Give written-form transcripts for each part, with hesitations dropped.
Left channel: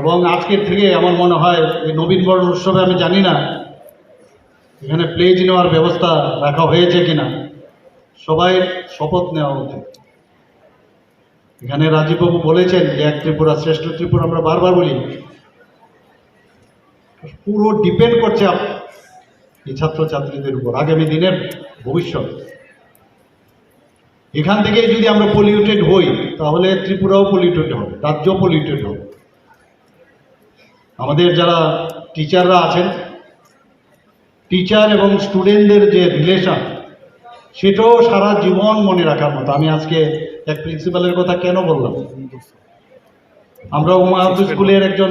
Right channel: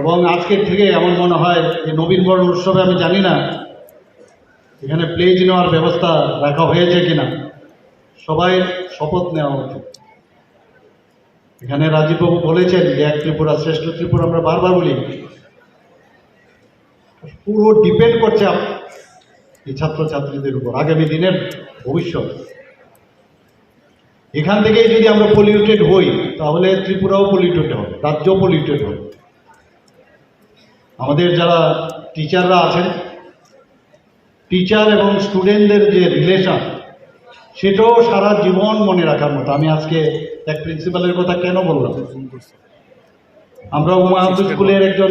এবং আজকের থেকে আমার মনে হয় যে নবীনবরণ উৎসবে আমি জানি না এখানে প্লেজ নেওয়ার ব্যবস্থা রাখা হয়েছে কিনা, সবাই শপথ নেওয়া উচিত। এখানে রাজীববাবু বলেছেন যে এক ত্রিপুরা শ্রেষ্ঠ ত্রিপুরা, আমরা বারবার বলি, পুরো ডিপেন্ড করছে এই ছাত্রছাত্রীদের উপর, আগামী দিনের ভবিষ্যৎ। এখান থেকে যদি আমরা পলিউটেড হই তাহলে ত্রিপুরাও পলিউটেড হবে, রাজ্য পলিউটেড হবে। আমাদের যারা টিচাররা আছেন, টিচার এবং স্টুডেন্টদের যে রিলেশন, সেটাও সারা জীবন মনে রাখার মতো। আমি আজকে এক প্রিন্সিপালের কথা কেন বললাম, আমরা উমায়ুদ স্কুলের একজন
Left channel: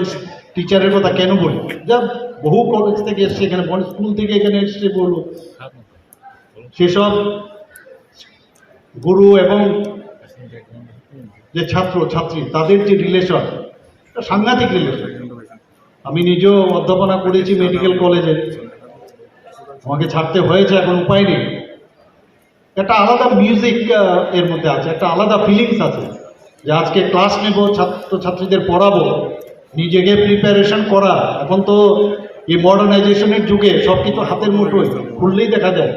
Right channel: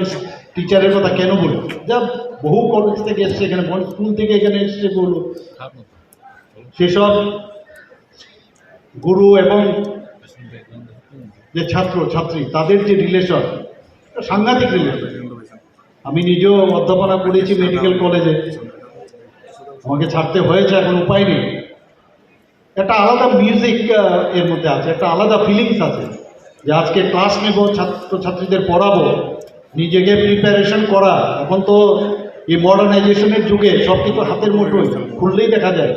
টিচারের কথা কেন বলি, যা বহু কলেজ থেকে এসছে, এখানে স্কুল থেকে এখানে এসছে, বলল সেসব গুরু এবং যে ছাত্র ছাত্রী তাদের যে রিলেশন, সাংঘাতিক রিলেশন। আমি নিজেও অধ্যাপনা করেছি মেডিকেল কলেজে, আমাকে ছাড়তে হয়েছে, এখন উপায় নেই। একটা আলাদা মিউজিক এর মধ্যে আছে, একটা আলাদা ফিলিংস আছে যে আজকে ক্লাস নেব, ছাত্রছাত্রীদের পড়াবো, নিজেকে প্রিপারেশন করা। এখন তো এই মডার্নাইজেশনের যুগে সব কিছু হাতের মুঠোয়, খুললেই দেখা যায়।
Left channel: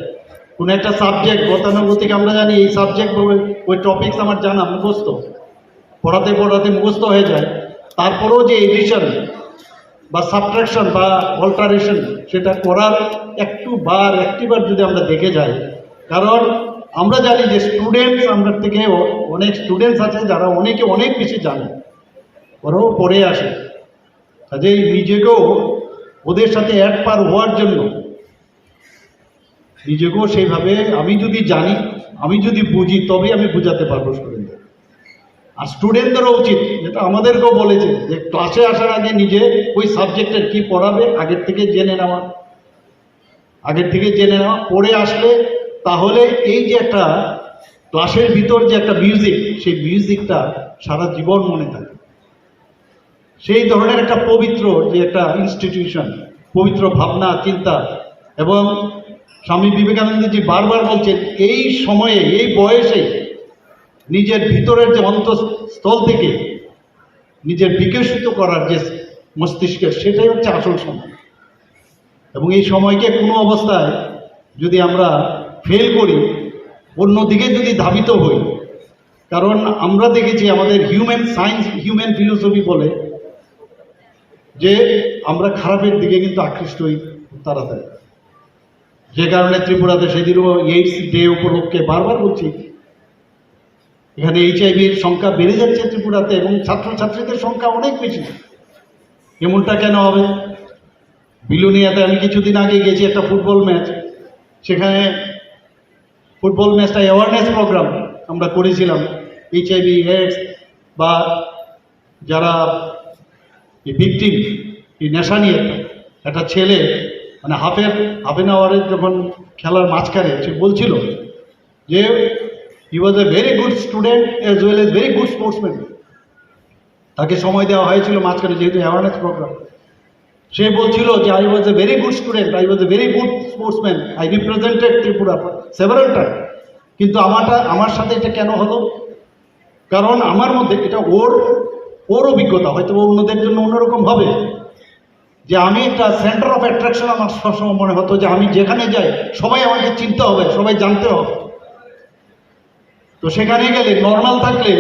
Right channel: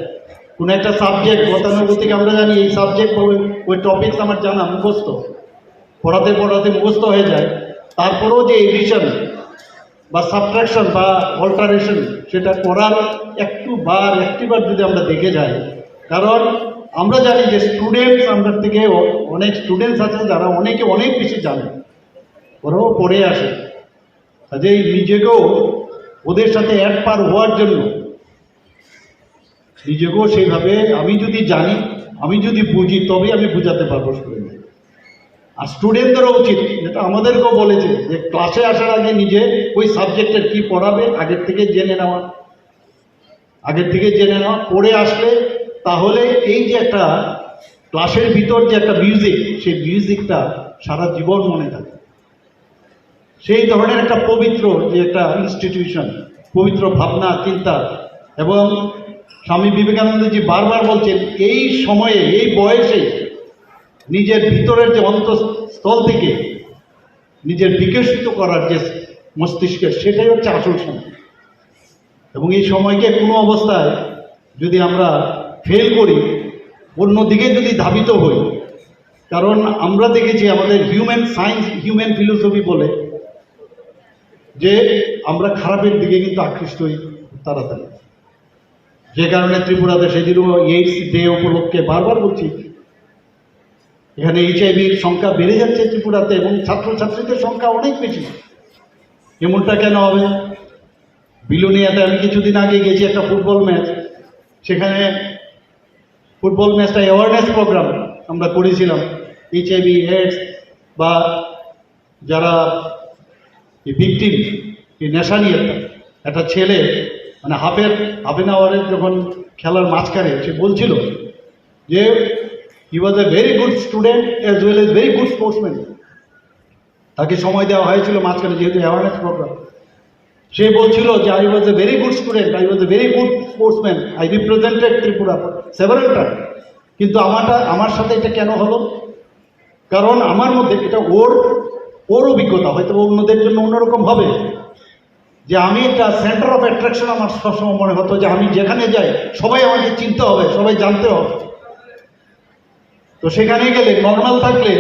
কোনো একটা সাবজেক্ট গতানুগতিক আমরা জানি এই সাবজেক্ট ওই টপিকস আমার জানা মুখস্থ, পড়াতে পড়াতে মুখস্থ হয়ে যায়। তারপরেও যে এডিশন বা সাবট্রাকশন বা অল্টারেশন, সেটা করার একটিবার যদি আমরা দেখে যাই, কারণ আমরা জানি যে স্টুডেন্টস আমরা থেকে অনেক স্টুডেন্টস আছে যারা অনেক বেশি জানে, ওরাও পড়ে আসে। কাজেই নিজেকেও ওদের সাথে অ্যাড পার হওয়ার জন্য নিজেকেও সেইভাবে, আমি যদি জানি, আমি যদি বুঝি, তবেই আমি বুঝাতে পারবো স্টুডেন্টদের। আর স্টুডেন্টদেরও উচিত, যেটা আমাদেরকেও বলেছে, যে ক্লাসে আসার আগে নিজে ওই সাবজেক্টের কি পড়াবে আগের থেকে জেনে নেওয়া, পড়ে আসলে তাহলে এই যে একটা ক্লাসের ভিতর যে একটা মিউজিক, সেই মিউজিকটা সারা জীবন মনে থাকে। সেই ধরনের একটা পবিত্র যে একটা ইনস্টিটিউশন, পবিত্র ভাবনা চিন্তা। এবং স্বামী বিবেকানন্দজি বারবার বলছেন, এই সময়ে, এই বয়সে নিজের ভিতরের যে অন্তঃস্থল থেকে নিজের বিকশিত করার যে মস্তিষ্কের, সেটাই হচ্ছে আসল সময়। এবং এই সময়কে কোনো অবস্থায় যদি আমরা ফেল করি, অন্যদিকে যদি ধাবিত হই, কারণ আমরা দেখেছি আমাদের হিউম্যান সায়েন্স, হিউম্যান ফিলোসফি বলে যে আমরা খারাপের দিকে কিন্তু আকৃষ্ট হই তাড়াতাড়ি। যে কারণে ত্রিপুরাতে সেদিনও এইডস ডে উপলক্ষে বারবার বলছি, এখানে HIV-র সংখ্যা বেড়ে যাচ্ছে ত্রিপুরাতে, এবং ছাত্রছাত্রীদের সংখ্যা অনেক বেশি। এমনটা কেন হবে? বিলোনিয়াতে আমি কিছুদিন আগে গেছি একটা ফুটবল ম্যাচ, সেখানে ফুটবল ম্যাচটা অ্যাওয়ারনেস প্রোগ্রাম আমরা করেছিলাম। HIV, AIDS বা যারা ভিকটিম, এই নেশা নিয়ে, একটা ছেলে মানে হাফ অ্যান আওয়ারের যখন খেলার মাঝখানে সে বলছিল যে he was a very good student as well as very good sportsman. তাকে সময় দেওয়া হয়েছিল মাঝখানে, যেহেতু অ্যাওয়ারনেস প্রোগ্রাম। সে বলছিল যে I was a very good student, I was a very good sportsman, I represented Tripura several time. কিন্তু আমার সাথে এটা কেন হলো? কারণ আমার মধ্যে এটা ওর অভিজ্ঞতা, হয়তো অন্যদের জন্য অন্যরকম হবে, যে আমি একটা সেন্টার অফ অ্যাট্রাকশন। আমার সবসময় মনে হতো যে আমি যেখানে যাই সবাই আমাকে চিনতে হবে, সবাই জানতে হবে। তো সেখানে গেলে নর্মাল থাকলে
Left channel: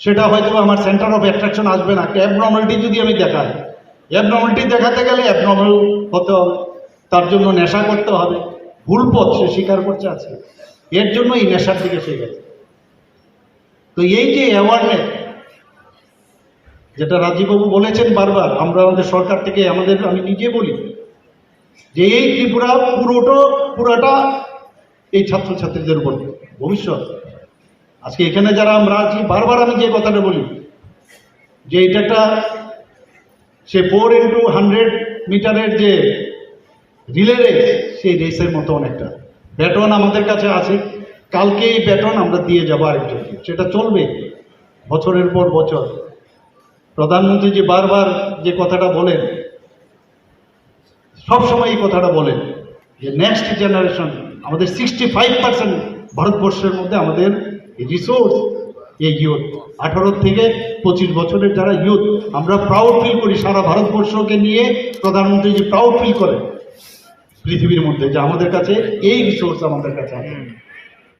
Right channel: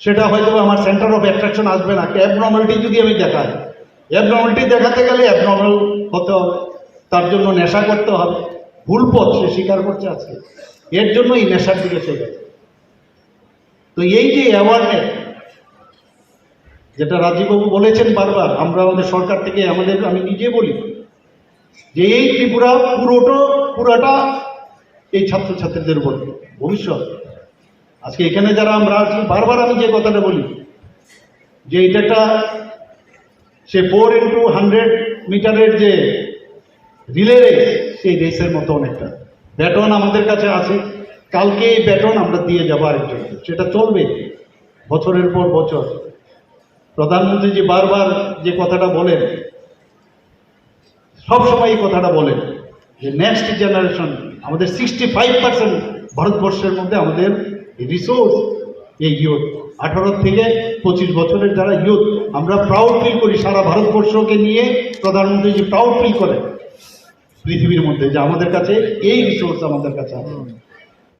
সেটা হয়তো আমার সেন্টার অফ অ্যাট্রাকশন আসবে না। একটা অ্যাবনর্মালিটি যদি আমি দেখাই, অ্যাবনর্মালিটি দেখাতে গেলে অ্যাবনর্মাল হতে হবে, তার জন্য নেশা করতে হবে। ভুল পথ সে স্বীকার করছে আছে, এর জন্য এই নেশার দিকে সে গেছে। তো এই যে অ্যাওয়ারনেস, যেটা রাজীববাবু বলেছেন বারবার, আমরা আমাদের সরকার থেকে, আমি নিজে বলি যে এই ত্রিপুরা পুরোটা এই ছাত্রছাত্রীদের উপর ভবিষ্যৎ। আজকে এখানে যারা আমরা আছি, বারবার আমি যে কথাটা বলি যে এটা একটা সে 4x100 মিটারের যে রিলে রেস, সেই রেসের মতো অনেকটা। ব্যাটন আমাদের কাছে আছে, কালকে এই ব্যাটন আমরা দিয়ে যাবো আরেকজনকে, সেটা চলবে বছরের পর বছর। প্রধানমন্ত্রী যে বারবার যে কথাটা বলেন, সবসময় এই কথাটা বলেন যে নেক্সট জেনারেশন, আমাদের 65% ভারতবর্ষের মধ্যে আমাদের রিসোর্স এই ইয়ুথ 18 থেকে 25 বছরের যারা ইয়ুথ, আমরা প্রাউড ফিল করি, সারা ভারতবর্ষকে নিয়ে প্রধানমন্ত্রী যে প্রাউড ফিল করে পৃথিবীর মধ্যে, যে আমাদের কাছে এই রিসোর্স আমাদের কাছে আছে।